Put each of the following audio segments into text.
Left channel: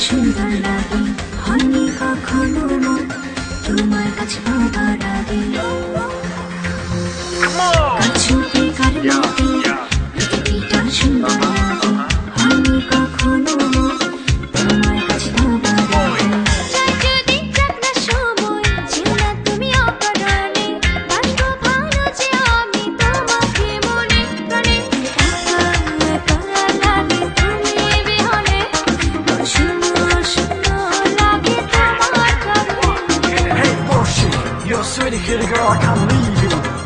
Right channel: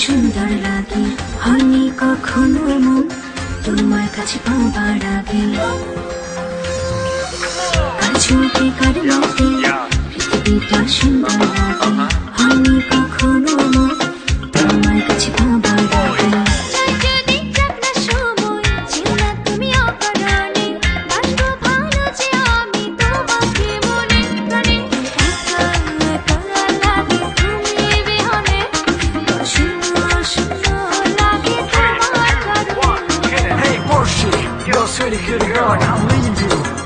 সুন্দর লাগে হয়নি কখনো মন তোমার কাছে পাবার আগে কাছুতে কারণে পৃথিবীটা সুন্দর লাগে হয়নি কখনো মন তোমার কাছে পাবার আগে চাই যদি যাক না সময় যেও না তুমি অকারণে বাসবো ভালো যে আমি তোমাকে মনে প্রাণে একা একা লাগে তুমি বিহনে শূন্য শূন্য লাগে তোমার কারণে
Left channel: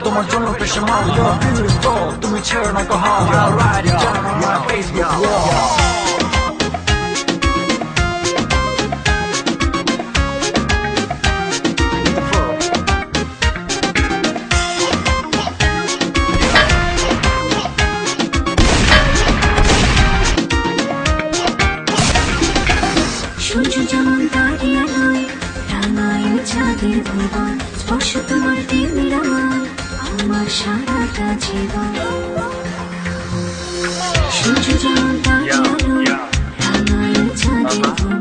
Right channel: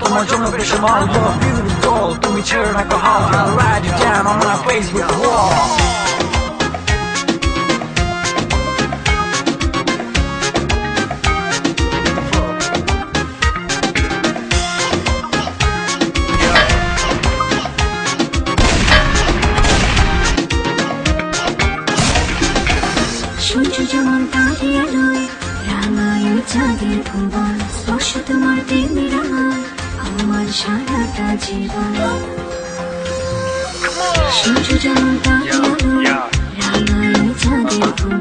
তোমার জন্য বেশ তুমি ছেড়ে না কো how ride down on my face সূর্য যেমন দাঁড়িয়ে নয় রাঙায় চাঁদের ভুবন স্পর্শ তোমার তেমনি রাঙায় আমার সারাটা জীবন সূর্য যেমন দাঁড়িয়ে নয় রাঙায় চাঁদের ভুবন